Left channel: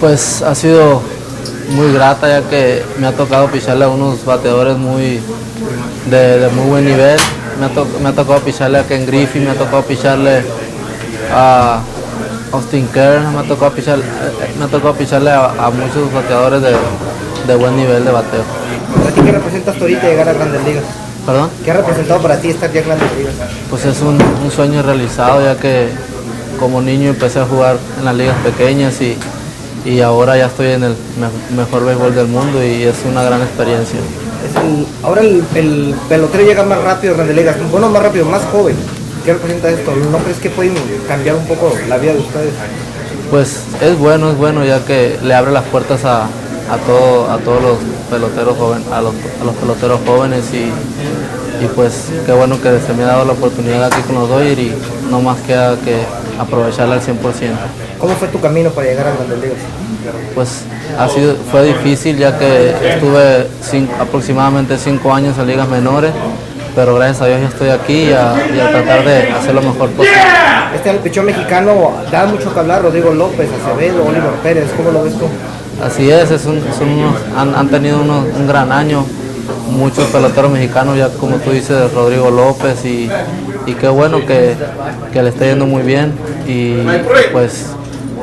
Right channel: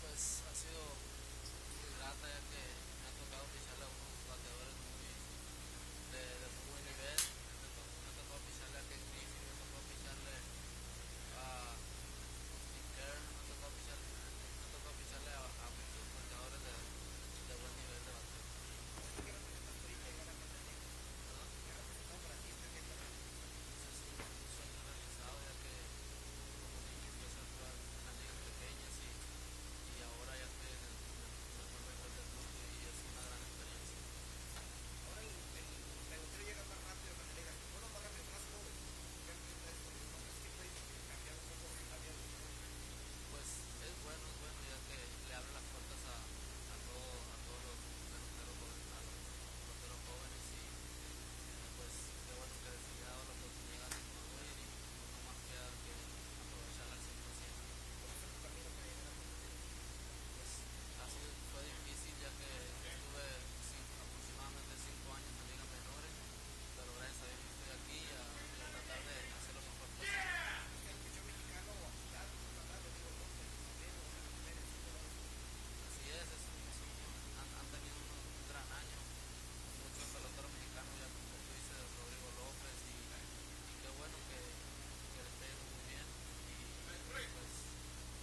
Pues ha sido muy grata ya que me ha tocado picharle a unos bateadores de muy buen nivel. Me ha tocado picharle a Ken Griffey, me ha tocado picharle a Austin Kern, me ha tocado picharle a muchos bateadores de buen nivel de bateo. ¿Para ti qué representa hasta ahorita llegar a Grandes Ligas? ¿Perdón? ¿Qué ha representado para ti estar ya en Grandes Ligas? Pues es un sueño realizado ya que como niño empecé a jugar en las ligas pequeñas y ahora ya estoy en el mejor béisbol del mundo y es una gran experiencia. Ahora el pelotero llega más rápido a Grandes Ligas, bueno, más rápido, más joven. ¿Qué representa esto? ¿No crees que pueden cambiar un poco la vida de ustedes? Pues es bueno ya que le abre las puertas a todos los peloteros jóvenes, a los peloteros jóvenes y pues qué bueno que se me ha dado la oportunidad aquí con los Dodgers y no más queda que aprovecharla al 100%. ¿Cómo fue tu camino para llegar a Grandes Ligas? Pues fue difícil ya que estuve aproximadamente 5 años en ligas menores, pero gracias a Dios ya estoy aquí y a tratar de hacer lo mejor posible. El pichón mexicano da mucho que hablar, Rodrigo López, Acevedo, Oliver Pérez, ¿cómo lo ves tú? Así es, han tenido un gran año, muchos peloteros mexicanos, ya como tú dices, Rodrigo López y qué bueno que le está yendo muy bien y pues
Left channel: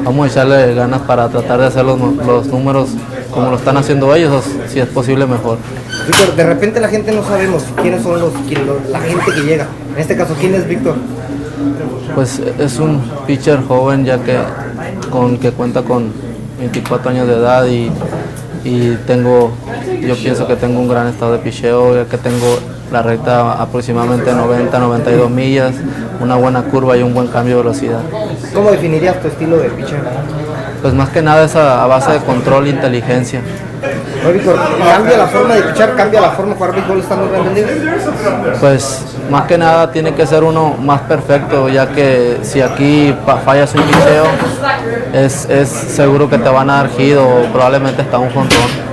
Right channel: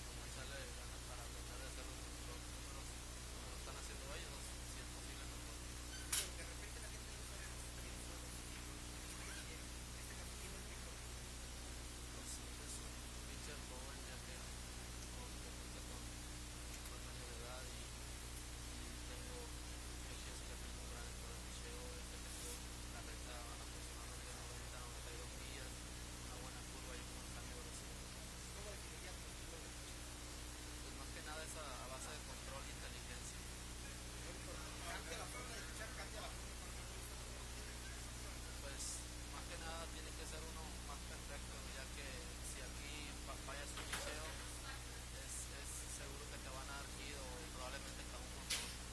vamos a echarle ganas para tratar de hacer los números como lo están haciendo ellos, o si es posible mejor. Víctor, de repente la gente no sabemos quiénes son la gente que llega. En este caso, ¿quién es Víctor? Pues es un pitcher joven ya que cuenta con 24 años de edad y yo pienso que tengo un gran estado de picheo, ya que tengo la recta aproximadamente 90-92 millas, una buena curva y un buen cambio de velocidad. ¿Cómo definirías tu estilo de picheo? Pues más que nada es a base de control e inteligencia. Víctor, ¿cambia la forma de pichar, cambia la forma de jugar béisbol estando en Grandes Ligas? Pues más que nada tiene que ser uno más perfecto, ya que si aquí fallas un picheo, es seguro que te van a dar hit o probablemente hasta un jonrón.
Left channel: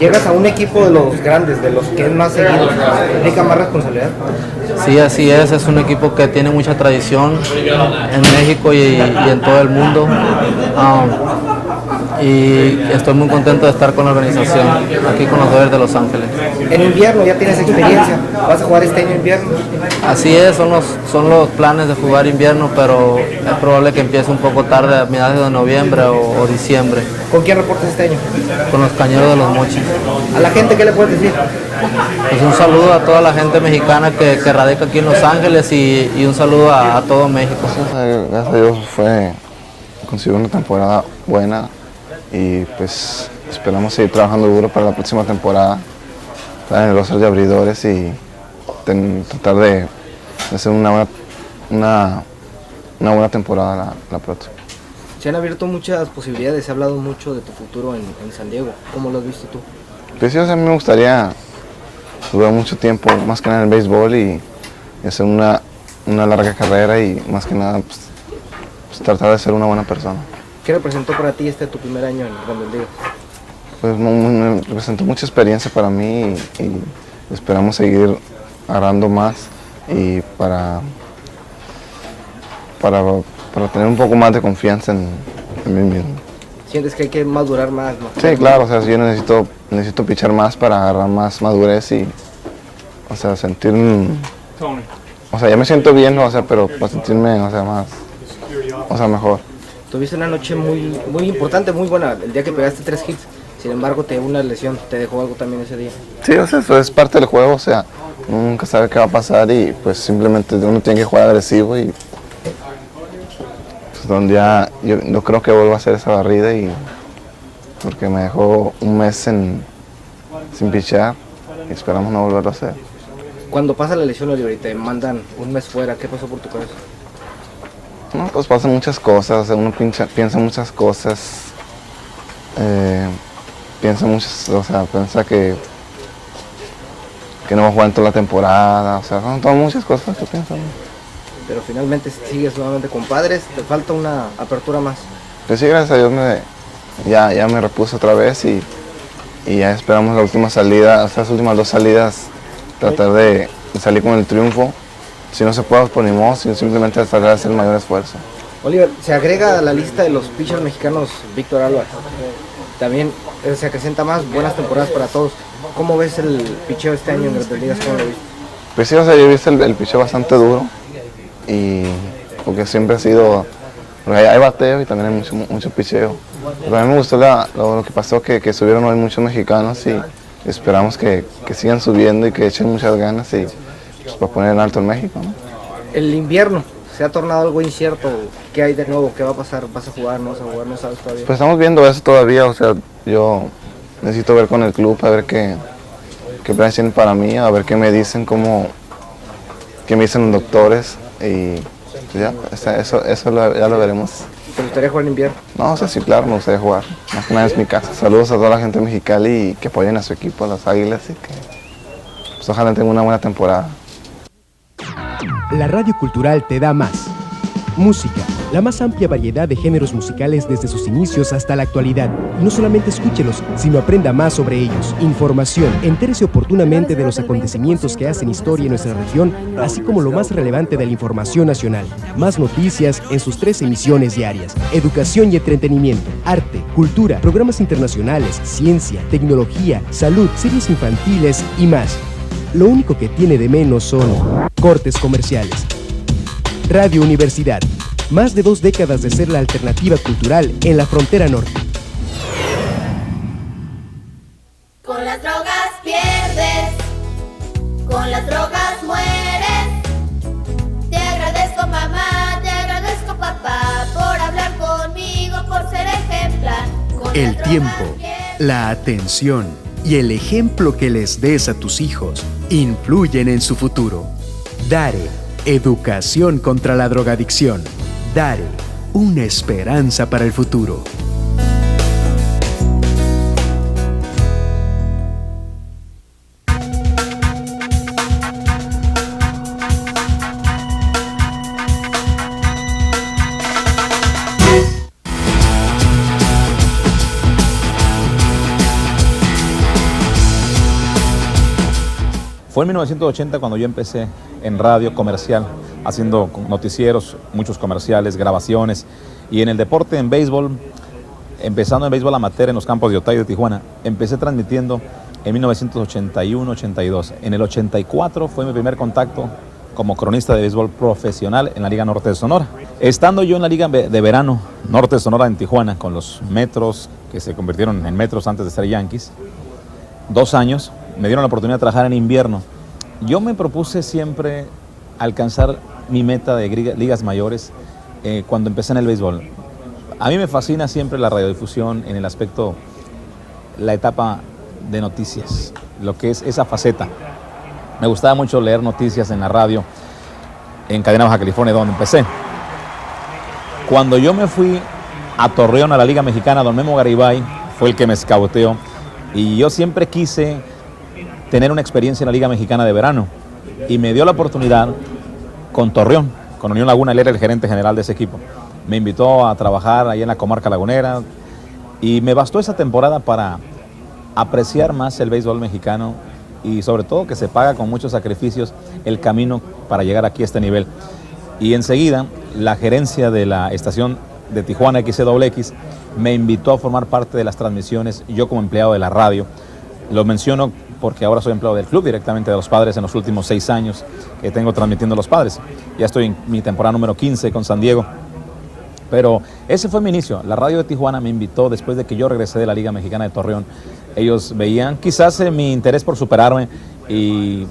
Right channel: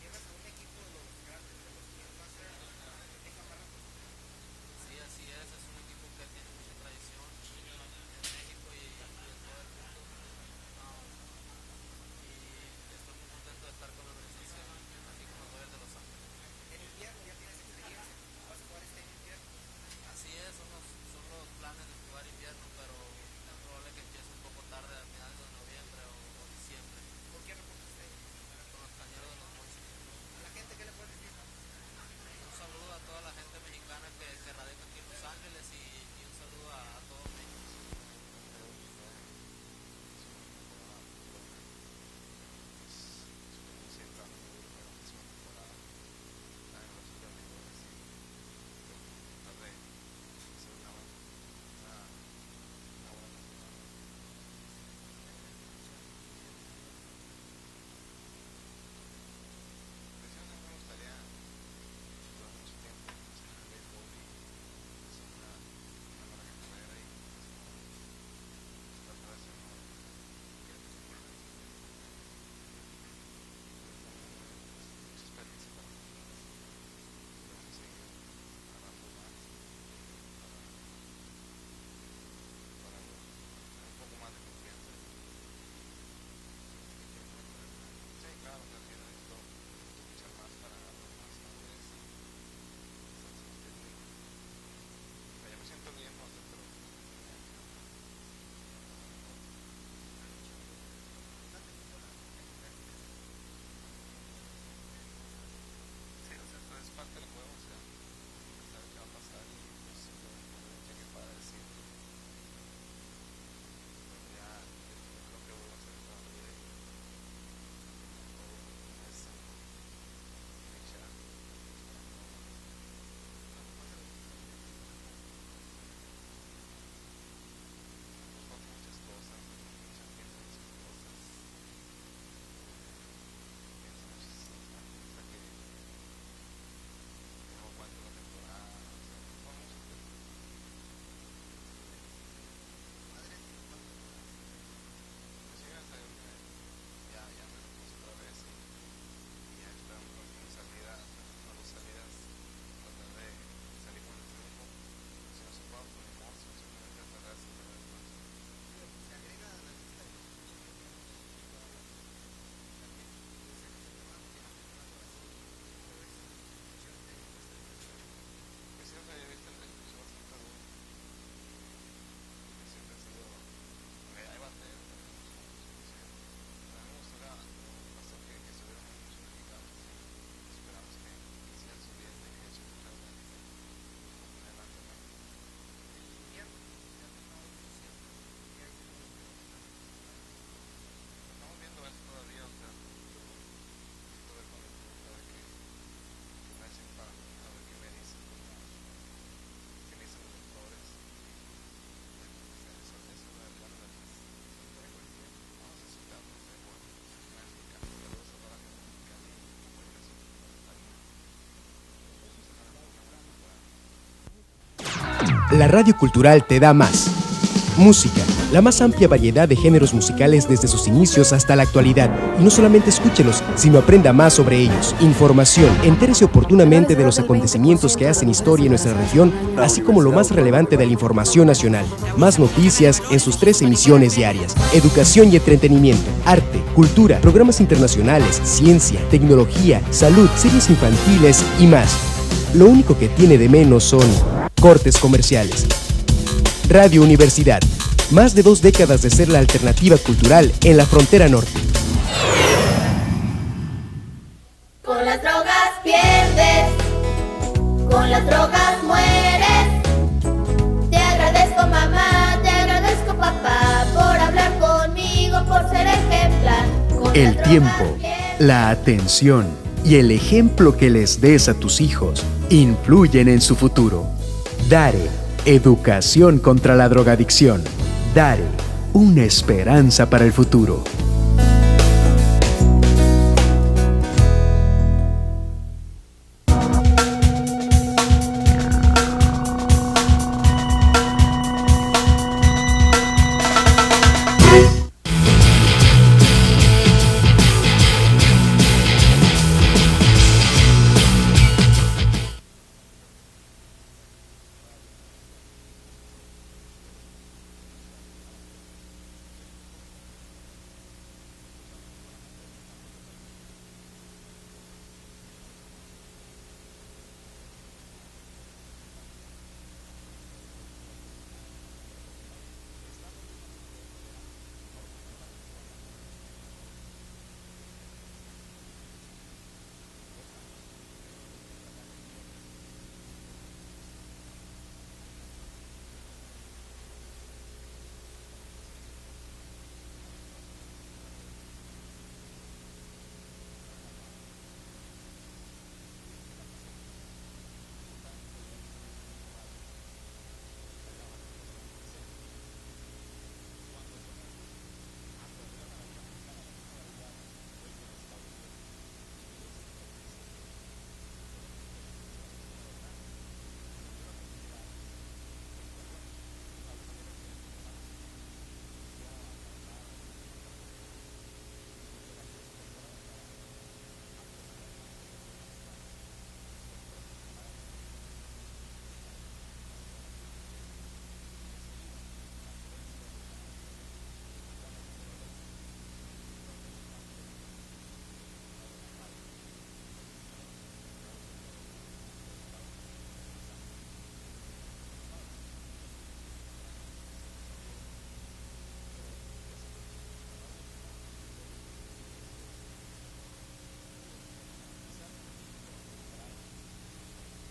Llegas a un equipo de los grandes, de los que es más seguido, ¿implica más responsabilidad? Sí, así es un equipo que tiene mucha tradición en México y en todo el mundo. Y estoy muy contento de estar con la organización, aquí con los Dodgers de Los Ángeles. En invierno ya tienes experiencia, ¿vas a jugar este año invierno? Así es, son los planes de jugar invierno, pero es probable que empiece un poco tarde, a mediados de noviembre o diciembre. ¿Con quién reportas este año? Con los Cañeros de los Mochis. ¿A la gente qué le puedes decir? Pues un saludo a toda la gente mexicana que radica aquí en Los Ángeles y un saludo a todo México. Gracias a Dios consiguió una temporada buena. Y pues esperamos seguir trabajando duro para la próxima temporada, estar en el roster de abridores y tratar de hacer una buena temporada la próxima. Se han abierto muchas posibilidades, se ha hablado mucho de tu futuro en San Diego. ¿Cómo lo has visto tú? Pues sí, a mí me gustaría durar mucho tiempo, más que nada en el béisbol y hacer una larga carrera y más que nada pues, tratar de ser una buena persona. ¿Qué representó para ti tu primer año en Grandes Ligas? Pues me representó mucha experiencia para mí y esperamos seguir agarrando más y para tener un poco más de confianza en mí mismo. ¿Sientes que hay que madurar más? Sí, claro, yo necesito pichar más para agarrar más madurez y sentir, ya me siento bien, pero para sentirme, mejor. Tuviste una noche muy importante, muy buena, el día que pegaste 3 hits, sin embargo te dio una lesión, ¿te dejó algo también ese día? Sí, eso es parte del juego, nunca sabe qué va a pasar y pues simplemente uno tiene que jugar agresivo y pues donde ya yo no creo que vuelva a hacer esa barrida porque me dejó un mes sin pichar y esperamos no volverlo a hacer. Cuando pasa la lesión, Oliver, y te mandan un mes fuera, ¿qué pasó por tu cabeza? No, pues pasan muchas cosas, uno piensa muchas cosas, piensa que no va a jugar en toda la temporada, son todas muchas cosas que pienso. Pero finalmente sigues nuevamente con Padres, te falta una apertura más. Pues sí, gracias a Dios ya me repuse otra vez y ya esperamos la última salida, estas últimas 2 salidas, tratar de salir con el triunfo. Si no se puede, pues ni modo, simplemente tratar de hacer el mayor esfuerzo. Oliver, se agrega a la lista de los pitchers mexicanos Víctor Álvarez. También se acrecenta más, buenas temporadas para todos. ¿Cómo ves el picheo este año en Grandes Ligas? ¿Cómo lo viste? Pues sí, o sea, yo he visto el picheo bastante duro y porque siempre ha sido, porque hay bateo y también hay mucho picheo. Pero a mí me gustó lo que pasó, que subieron hoy muchos mexicanos y esperamos que sigan subiendo y que echen muchas ganas y pues, para poner en alto en México, ¿no? El invierno se ha tornado algo incierto. ¿Qué hay de nuevo? ¿Qué va a pasar? ¿Vas a jugar? ¿No vas a jugar? ¿No sabes todavía? Pues estamos viendo eso todavía, o sea, yo necesito ver con el club a ver qué planes tienen para mí, a ver qué me dicen, qué me dicen los doctores y pues ya, ya lo veremos. ¿Te gustaría jugar en invierno? No, o sea, sí, claro, me gustaría jugar. Más que nada es mi casa. Saludos a toda la gente de Mexicali y que apoyen a su equipo, a las Águilas y que pues, ojalá tenga una buena temporada. La Radio Cultural te da más. Música, la más amplia variedad de géneros musicales desde sus inicios hasta la actualidad. Y no solamente escúchelos, sino aprenda más sobre ellos. Información, entérese oportunamente de los acontecimientos que hacen historia en nuestra región, así como lo más relevante de la información nacional. Más noticias en sus 3 emisiones diarias. Educación y entretenimiento, arte, cultura, programas internacionales, ciencia, tecnología, salud, series infantiles y más. Lo único que tiene de menos son cortes comerciales. Radio Universidad, más de 2 décadas de ser la alternativa cultural en la frontera norte. Con las drogas pierdes, con las drogas mueres. Te agradezco mamá, te agradezco papá, por hablar conmigo, por ser ejemplar. Con El las tiempo, drogas pierdes. la atención y el ejemplo que les des a tus hijos influyen en su futuro. Dare, educación contra la drogadicción. Dare, una esperanza para el futuro. Fue en 1980 cuando yo empecé en radio comercial, haciendo noticieros, muchos comerciales, grabaciones, y en el deporte, en béisbol, empezando en béisbol amateur en los campos de Otay de Tijuana, empecé transmitiendo en 1981-82. En el 84 fue mi primer contacto como cronista de béisbol profesional en la Liga Norte de Sonora. Estando yo en la Liga de Verano Norte de Sonora en Tijuana, con los Metros, que se convirtieron en Metros antes de ser Yankees, 2 años, me dieron la oportunidad de trabajar en invierno. Yo me propuse siempre alcanzar mi meta de ligas mayores cuando empecé en el béisbol. A mí me fascina siempre la radiodifusión en el aspecto, la etapa de noticias, lo que es esa faceta. Me gustaba mucho leer noticias en la radio, en Cadena Baja California, donde empecé. Cuando yo me fui a Torreón, a la Liga Mexicana, don Memo Garibay fue el que me escauteó, y yo siempre quise tener una experiencia en la Liga Mexicana de Verano, y me dio la oportunidad con Torreón, con Unión Laguna. Él era el gerente general de ese equipo. Me invitó a trabajar ahí en la comarca lagunera, y me bastó esa temporada para apreciar más el béisbol mexicano, y sobre todo que se paga con muchos sacrificios el camino para llegar aquí a este nivel. Y enseguida la gerencia de la estación de Tijuana XCXX me invitó a formar parte de las transmisiones, yo como empleado de la radio. Lo menciono porque ahora soy empleado del club, directamente de los Padres, en los últimos 6 años que tengo transmitiendo a los Padres. Ya estoy en mi temporada número 15 con San Diego. Pero ese fue mi inicio. La radio de Tijuana me invitó después de que yo regresé de la Liga Mexicana de Torreón. Ellos veían quizás mi interés por superarme, y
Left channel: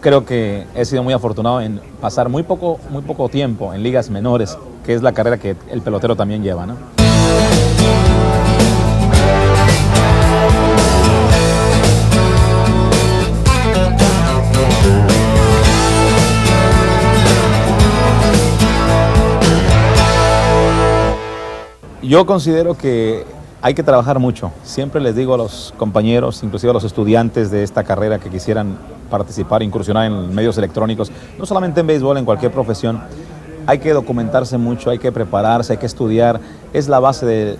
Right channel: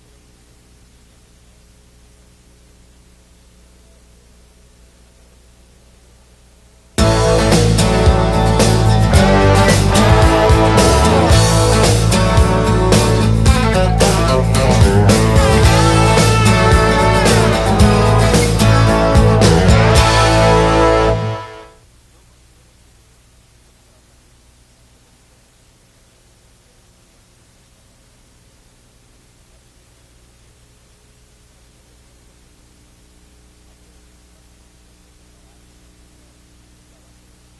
creo que he sido muy afortunado en pasar muy poco tiempo en ligas menores, que es la carrera que el pelotero también lleva, ¿no? Yo considero que hay que trabajar mucho. Siempre les digo a los compañeros, inclusive a los estudiantes de esta carrera que quisieran participar, incursionar en medios electrónicos, no solamente en béisbol, en cualquier profesión, hay que documentarse mucho, hay que prepararse, hay que estudiar. Es la base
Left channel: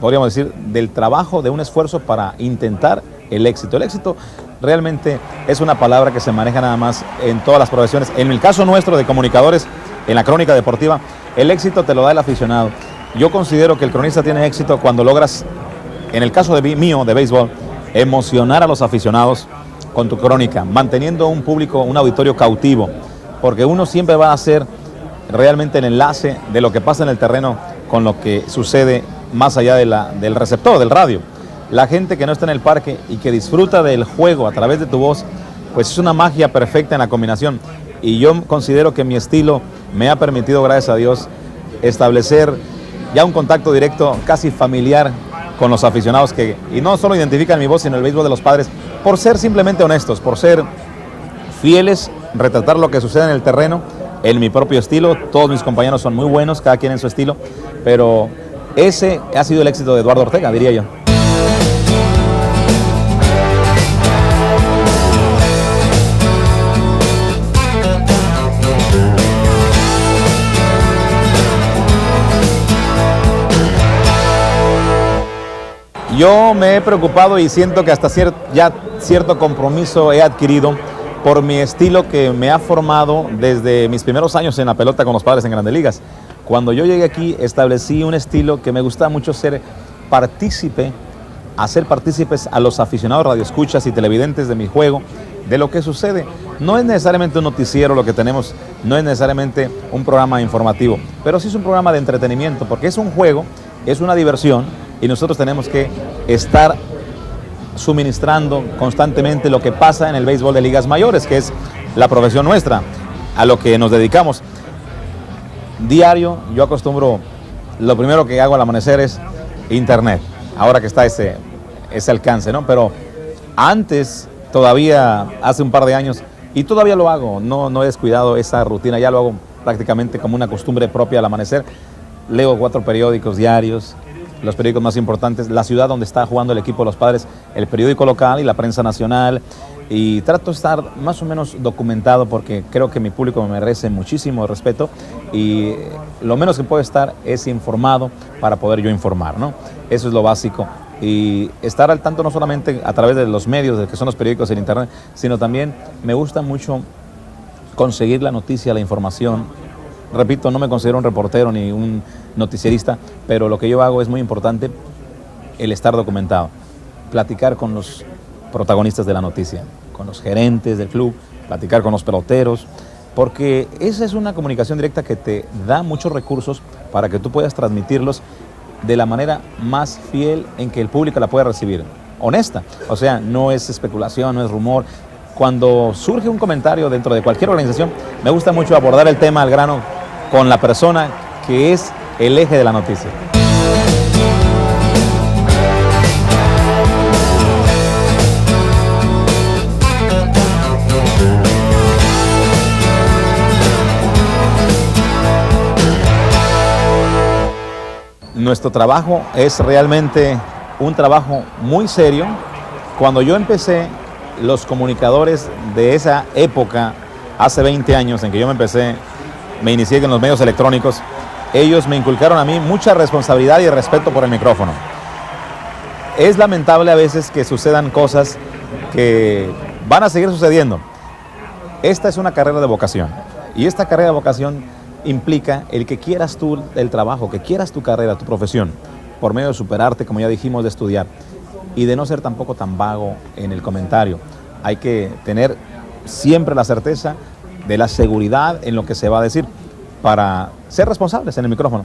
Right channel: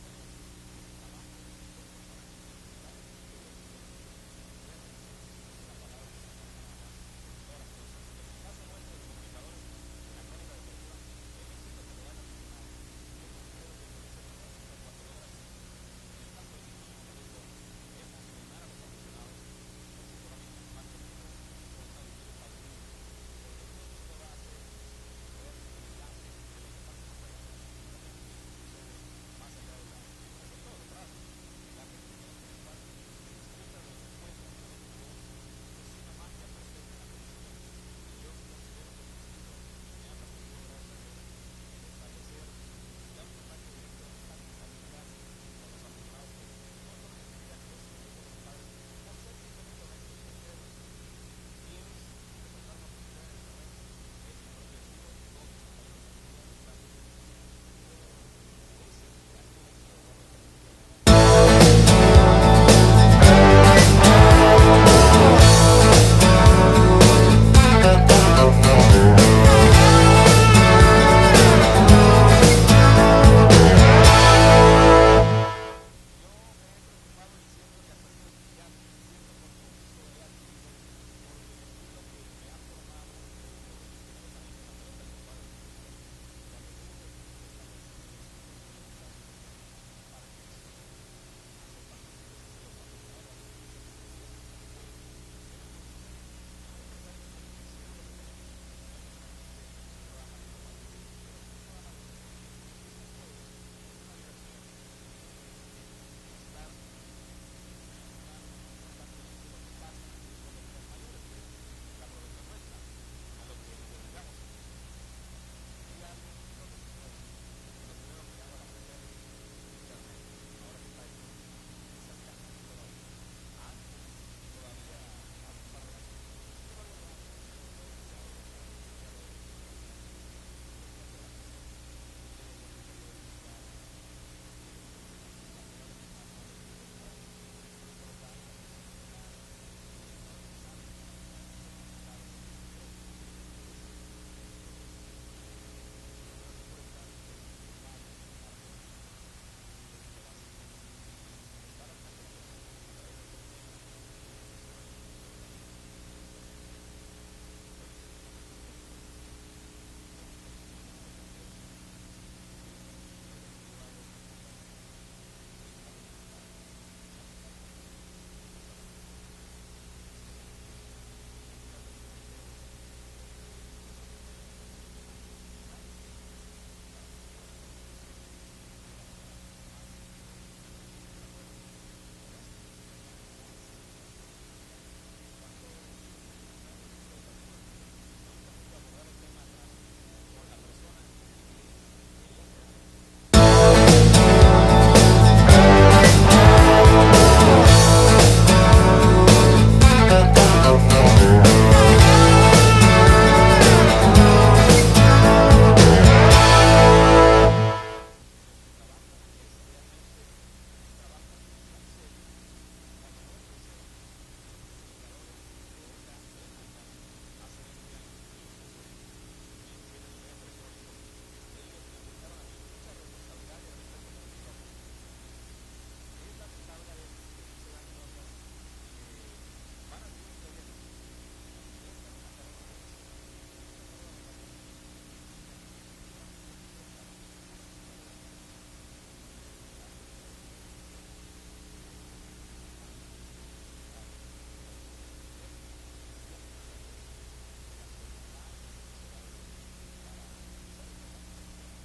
podríamos decir, del trabajo, de un esfuerzo para intentar el éxito. El éxito realmente es una palabra que se maneja nada más en todas las profesiones. En el caso nuestro de comunicadores, en la crónica deportiva, el éxito te lo da el aficionado. Yo considero que el cronista tiene éxito cuando logras, en el caso mío de béisbol, emocionar a los aficionados con tu crónica, manteniendo un público, un auditorio cautivo, porque uno siempre va a ser realmente el enlace de lo que pasa en el terreno con lo que sucede más allá del receptor, del radio. La gente que no está en el parque y que disfruta del juego a través de tu voz, pues es una magia perfecta en la combinación. Y yo considero que mi estilo me ha permitido, gracias a Dios, establecer ya un contacto directo, casi familiar, con los aficionados y no solo identifican mi voz, sino el béisbol de los Padres, por ser simplemente honestos, por ser fieles, retratar lo que sucede en el terreno, en mi propio estilo. Todos mis compañeros son muy buenos, cada quien en su estilo, pero ese ha sido el éxito de Eduardo Ortega, diría yo. Yo me he preocupado y siento que hasta ya cierto compromiso he adquirido por mi estilo que me ha formado desde mis primeros años en la pelota con los Padres en Grandes Ligas. Cuando yo llegué aquí establecí un estilo que me gusta mucho hacer partícipes a los aficionados radioescuchas y televidentes de mi juego, de lo que sucede. No es necesariamente un noticiero lo que tenemos, no es necesariamente un programa informativo, pero sí es un programa de entretenimiento, porque es un juego, es una diversión, y nosotros tenemos que estar suministrando constantemente lo que pasa en el béisbol de ligas mayores, que es la profesión nuestra, a lo que nos dedicamos. Diario, yo acostumbro, lo primero que hago al amanecer es internet, ahora que está ese alcance, ¿no? Pero antes, todavía hace un par de años, y todavía lo hago, no he descuidado esa rutina, ya lo hago prácticamente como una costumbre propia al amanecer. Leo 4 periódicos diarios, los periódicos más importantes, la ciudad donde está jugando el equipo de los Padres, el periódico local y la prensa nacional, y trato de estar más o menos documentado porque creo que mi público me merece muchísimo respeto y lo menos que puedo estar es informado para poder yo informar, ¿no? Eso es lo básico, y estar al tanto no solamente a través de los medios, que son los periódicos en internet, sino también me gusta mucho conseguir la noticia, la información. Repito, no me considero un reportero ni un noticierista, pero lo que yo hago es muy importante, el estar documentado, platicar con los protagonistas de la noticia, con los gerentes del club, platicar con los peloteros, porque esa es una comunicación directa que te da muchos recursos para que tú puedas transmitirlos de la manera más fiel en que el público la pueda recibir, honesta, o sea, no es especulación, no es rumor. Cuando surge un comentario dentro de cualquier organización, me gusta mucho abordar el tema al grano con la persona que es el eje de la noticia. Nuestro trabajo es realmente un trabajo muy serio. Cuando yo empecé, los comunicadores de esa época, hace 20 años en que yo me inicié en los medios electrónicos, ellos me inculcaron a mí mucha responsabilidad y respeto por el micrófono. Es lamentable a veces que sucedan cosas que van a seguir sucediendo. Esta es una carrera de vocación, y esta carrera de vocación implica el que quieras tú el trabajo, que quieras tu carrera, tu profesión, por medio de superarte, como ya dijimos, de estudiar, y de no ser tampoco tan vago en el comentario. Hay que tener siempre la certeza de la seguridad en lo que se va a decir para ser responsables en el micrófono.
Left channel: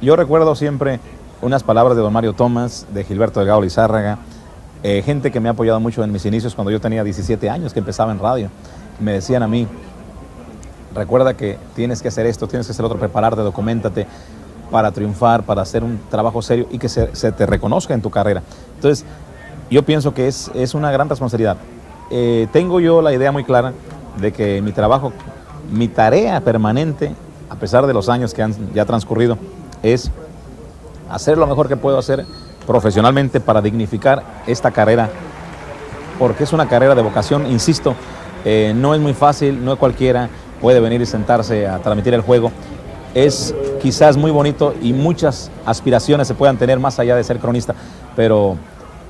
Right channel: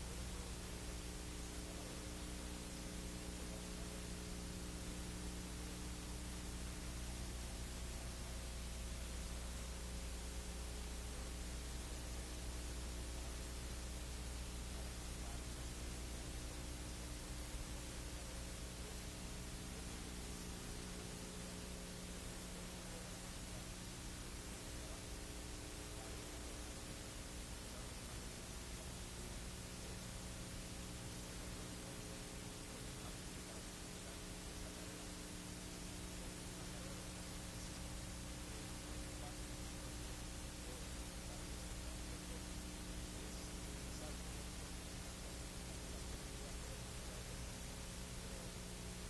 Yo recuerdo siempre unas palabras de don Mario Tomás, de Gilberto Delgado Lizárraga, gente que me ha apoyado mucho en mis inicios cuando yo tenía 17 años, que empezaba en radio. Me decían a mí, recuerda que tienes que hacer esto, tienes que hacer otro, prepararte, documéntate para triunfar, para hacer un trabajo serio y que se te reconozca en tu carrera. Entonces, yo pienso que es una gran responsabilidad. Tengo yo la idea muy clara de que mi trabajo, mi tarea permanente, a pesar de los años que han ya transcurrido, es hacer lo mejor que puedo hacer profesionalmente para dignificar esta carrera, porque es una carrera de vocación, insisto, no es muy fácil, no es cualquiera puede venir y sentarse a transmitir el juego. Es quizás muy bonito y muchas aspiraciones se puedan tener más allá de ser cronista, pero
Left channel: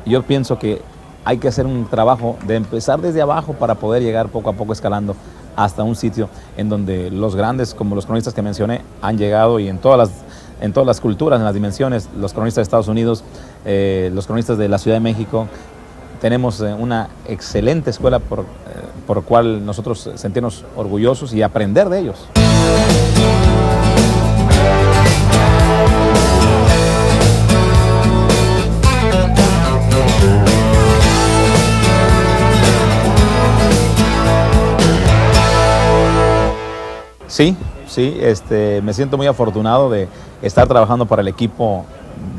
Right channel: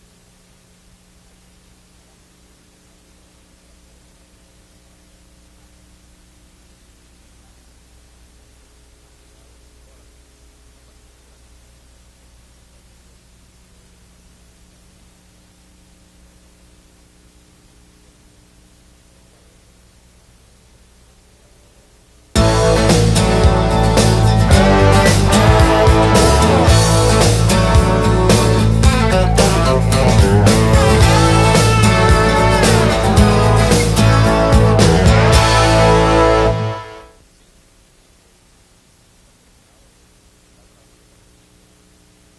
yo pienso que hay que hacer un trabajo de empezar desde abajo para poder llegar poco a poco escalando hasta un sitio en donde los grandes, como los cronistas que mencioné, han llegado, y en todas las culturas, en las dimensiones, los cronistas de Estados Unidos, los cronistas de la Ciudad de México. Tenemos una excelente escuela por cual nosotros sentirnos orgullosos y aprender de ellos. Sí, me siento muy afortunado de estar trabajando para el equipo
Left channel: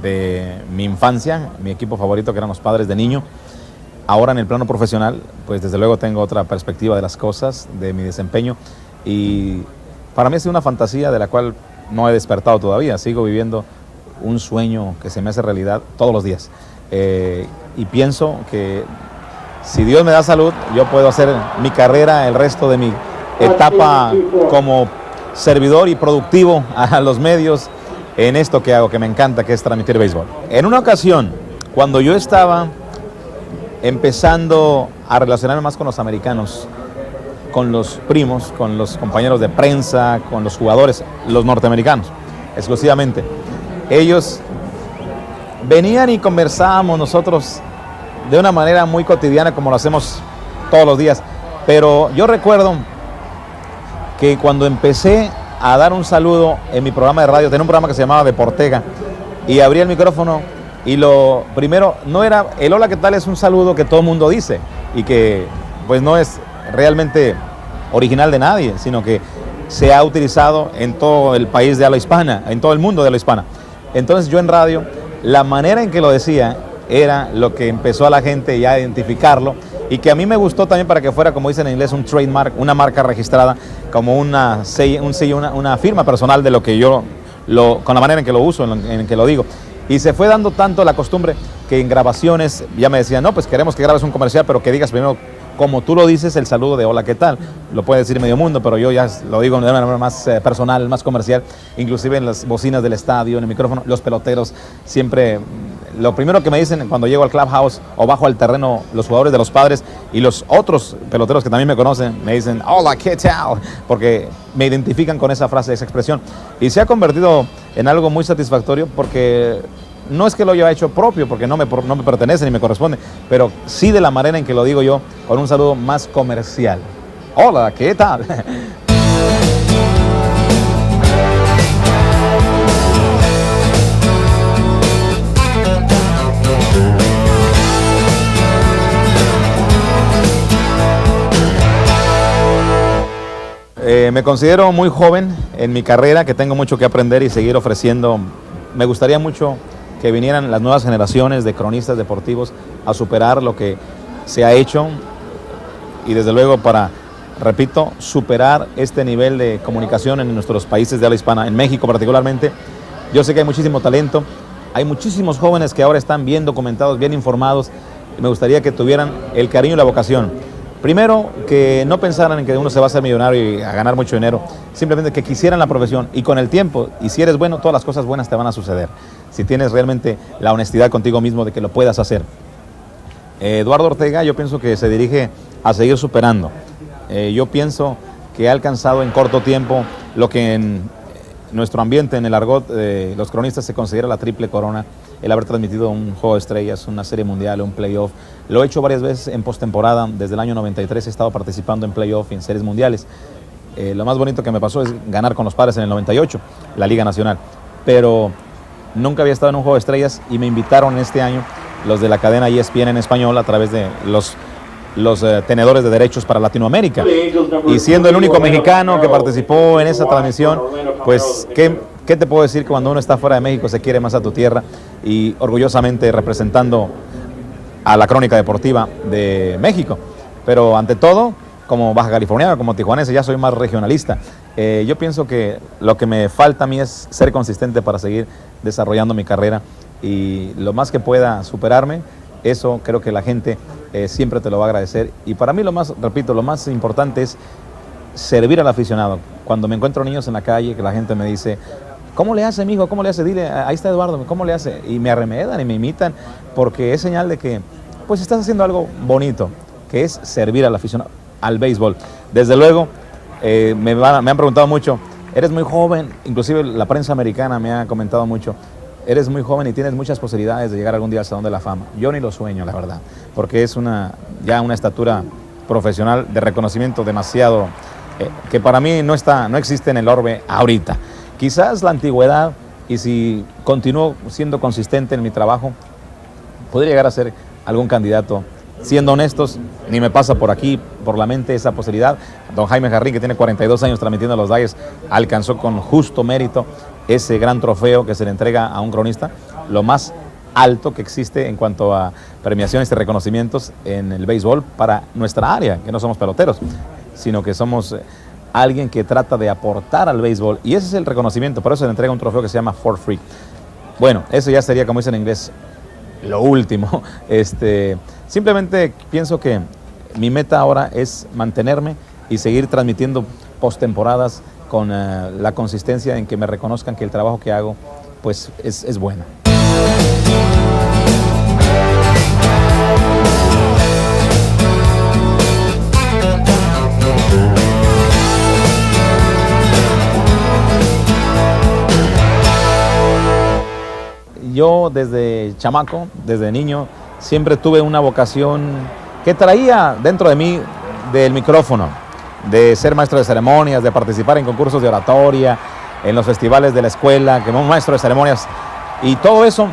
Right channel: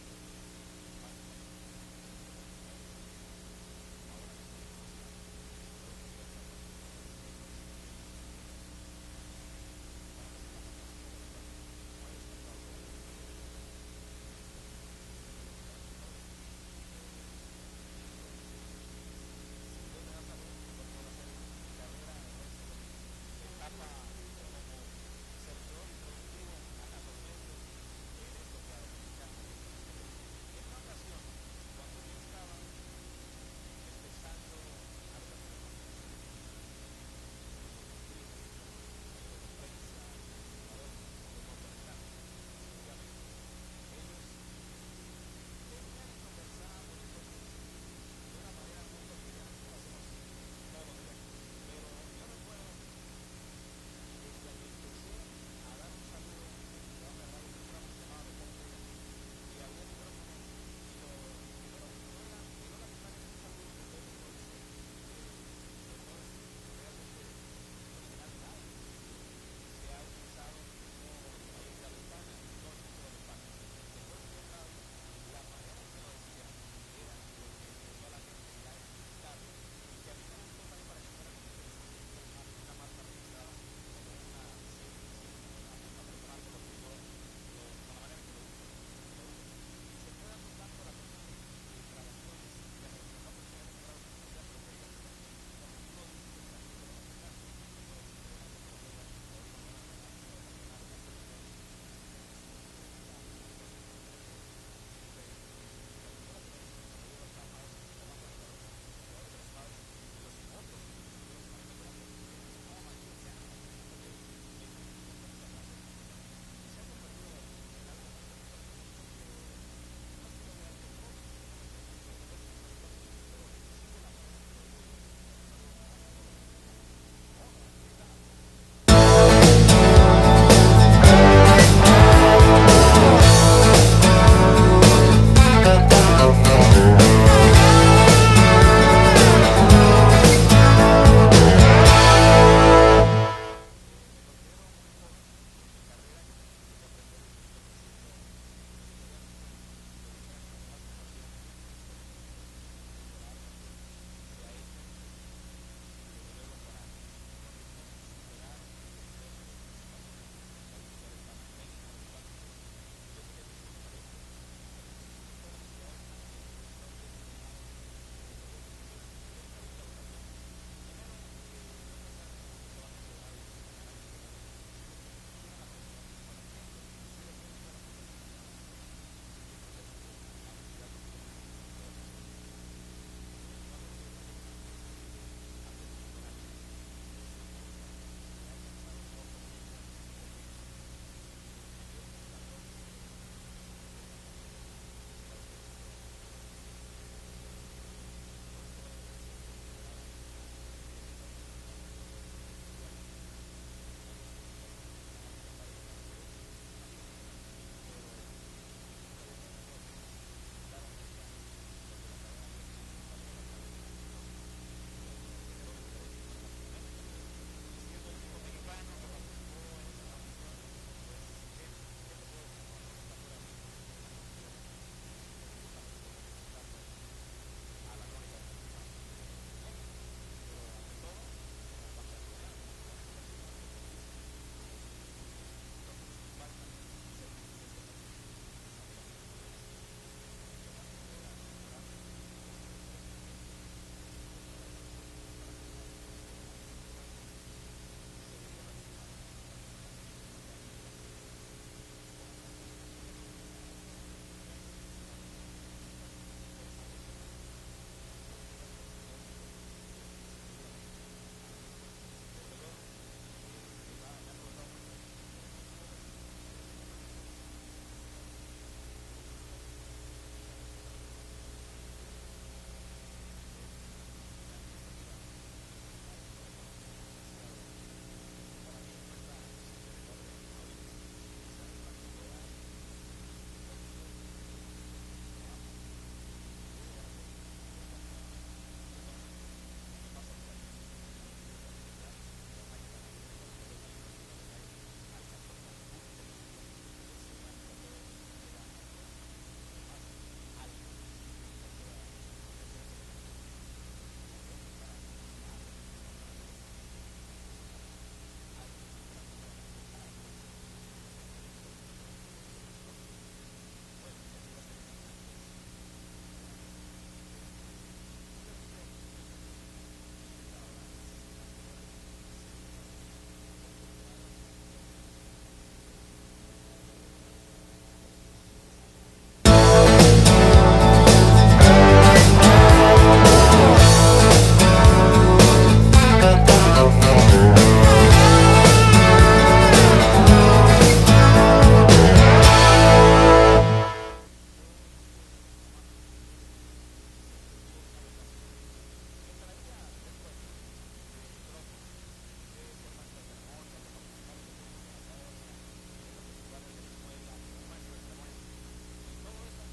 de mi infancia, mi equipo favorito, que eran los Padres de Niño. Ahora en el plano profesional, pues desde luego tengo otra perspectiva de las cosas, de mi desempeño, y para mí ha sido una fantasía de la cual no he despertado todavía. Sigo viviendo un sueño que se me hace realidad todos los días, y pienso que si Dios me da salud, yo puedo hacer mi carrera, el resto de mi etapa como servidor y productivo a los medios en esto que hago, que me encanta, que es transmitir béisbol. En una ocasión, cuando yo estaba empezando a relacionarme más con los americanos, con los primos, con los compañeros de prensa, con los jugadores, los norteamericanos, exclusivamente, ellos venían y conversábamos nosotros de una manera muy cotidiana, como lo hacemos todos los días. Pero yo recuerdo que cuando empecé a dar un saludo en mi programa de radio, tenía un programa que se llamaba Deportega, y abrí el micrófono, y lo primero, no era el hola, ¿qué tal? Es un saludo que todo el mundo dice, y que pues no es realmente original de nadie, sino que se ha utilizado en todo el país de habla hispana, en todo el mundo de habla hispana. Entonces yo en radio, la manera en que lo decía era lo que empezó a la gente ya a identificarlo, y que a mí me gustó también para que fuera, como dicen en inglés, un trademark, una marca registrada, como una firma personal de lo que yo, con la manera en que lo uso, en que lo digo. Y se fue dando tanto la costumbre que en grabaciones ya me decían, no, pues queremos que grabes un comercial, pero que digas primero, como tú lo dices, el saludo de hola, ¿qué tal? Lo puede decir medio mundo, pero yo ya lo digo de una manera más personal, más comercial, inclusive en las bocinas del estadio, en el micrófono, los peloteros, siempre lo primero que me dicen cuando llego al clubhouse o bajo al terreno, los jugadores de los Padres y los otros peloteros que también me conocen, me dicen, hola, ¿qué tal? Porque me identifican con esa frase, esa expresión. Y se ha convertido en algo muy satisfactorio, porque no es que lo haya hecho propio, porque no me pertenece ni me corresponde, pero sí de la manera en que lo digo yo, con un saludo más comercial. Hola, ¿qué tal? Me considero muy joven en mi carrera, que tengo mucho que aprender y seguir ofreciendo. Me gustaría mucho que vinieran las nuevas generaciones de cronistas deportivos a superar lo que se ha hecho, y desde luego para, repito, superar este nivel de comunicación en nuestros países de habla hispana, en México particularmente. Yo sé que hay muchísimo talento, hay muchísimos jóvenes que ahora están bien documentados, bien informados, y me gustaría que tuvieran el cariño y la vocación. Primero, que no pensaran en que uno se va a hacer millonario y a ganar mucho dinero, simplemente que quisieran la profesión, y con el tiempo, y si eres bueno, todas las cosas buenas te van a suceder, si tienes realmente la honestidad contigo mismo de que lo puedas hacer. Eduardo Ortega, yo pienso que se dirige a seguir superando. Yo pienso que ha alcanzado en corto tiempo lo que en nuestro ambiente, en el argot de los cronistas, se considera la triple corona: el haber transmitido un juego de estrellas, una serie mundial, un playoff. Lo he hecho varias veces en postemporada. Desde el año 93 he estado participando en playoff y en series mundiales. Lo más bonito que me pasó es ganar con los Padres en el 98, la Liga Nacional. Pero nunca había estado en un juego de estrellas, y me invitaron este año los de la cadena ESPN en español a través de los tenedores de derechos para Latinoamérica. Y siendo el único mexicano que participó en esa transmisión, pues ¿qué te puedo decir? Que cuando uno está fuera de México se quiere más a tu tierra, y orgullosamente representando a la crónica deportiva de México. Pero ante todo, como baja californiano, como tijuanense, ya soy más regionalista. Yo pienso que lo que me falta a mí es ser consistente para seguir desarrollando mi carrera, y lo más que pueda superarme, eso creo que la gente siempre te lo va a agradecer. Y para mí lo más importante es servir al aficionado. Cuando me encuentro niños en la calle, que la gente me dice, ¿cómo le hace, mijo? ¿Cómo le hace? Dile, ahí está Eduardo, ¿cómo le hace? Y me arremedan y me imitan, porque es señal de que pues estás haciendo algo bonito, que es servir al aficionado, al béisbol. Desde luego, Me han preguntado mucho, eres muy joven, inclusive la prensa americana me ha comentado mucho, eres muy joven y tienes muchas posibilidades de llegar algún día al Salón de la Fama. Yo ni lo sueño, la verdad, porque es ya una estatura profesional de reconocimiento demasiado, que para mí no existe en el orbe ahorita. Quizás la antigüedad, y si continúo siendo consistente en mi trabajo, podría llegar a ser algún candidato. Siendo honestos, ni me pasa por aquí, por la mente, esa posibilidad. Don Jaime Jarrín, que tiene 42 años transmitiendo a los Dyers, alcanzó con justo mérito ese gran trofeo que se le entrega a un cronista, lo más alto que existe en cuanto a premiaciones y reconocimientos en el béisbol para nuestra área, que no somos peloteros, sino que somos alguien que trata de aportar al béisbol, y ese es el reconocimiento. Por eso se le entrega un trofeo que se llama For Free. Bueno, eso ya sería, como dicen en inglés, lo último. Simplemente pienso que mi meta ahora es mantenerme y seguir transmitiendo postemporadas con la consistencia en que me reconozcan que el trabajo que hago pues es bueno. Yo desde chamaco, desde niño, siempre tuve una vocación que traía dentro de mí del micrófono, de ser maestro de ceremonias, de participar en concursos de oratoria, en los festivales de la escuela, como maestro de ceremonias. Y todo eso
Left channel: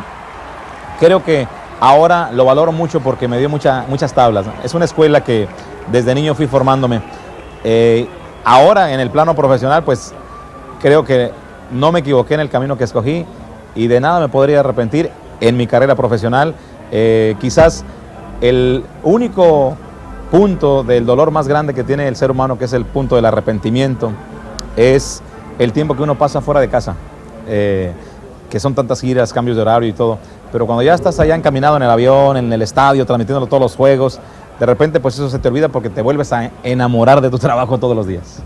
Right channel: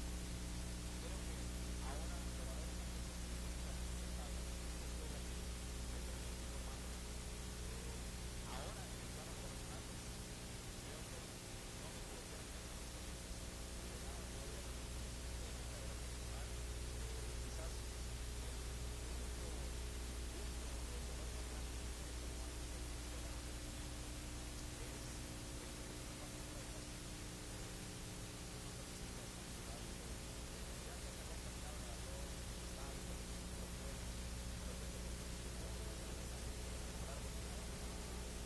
creo que ahora lo valoro mucho porque me dio muchas tablas. Es una escuela que desde niño fui formándome. Ahora en el plano profesional, pues creo que no me equivoqué en el camino que escogí y de nada me podría arrepentir en mi carrera profesional. Quizás el único punto del dolor más grande que tiene el ser humano, que es el punto del arrepentimiento, es el tiempo que uno pasa fuera de casa, que son tantas giras, cambios de horario y todo, pero cuando ya estás allá encaminado en el avión, en el estadio, transmitiendo todos los juegos, de repente pues eso se te olvida porque te vuelves a enamorar de tu trabajo todos los días.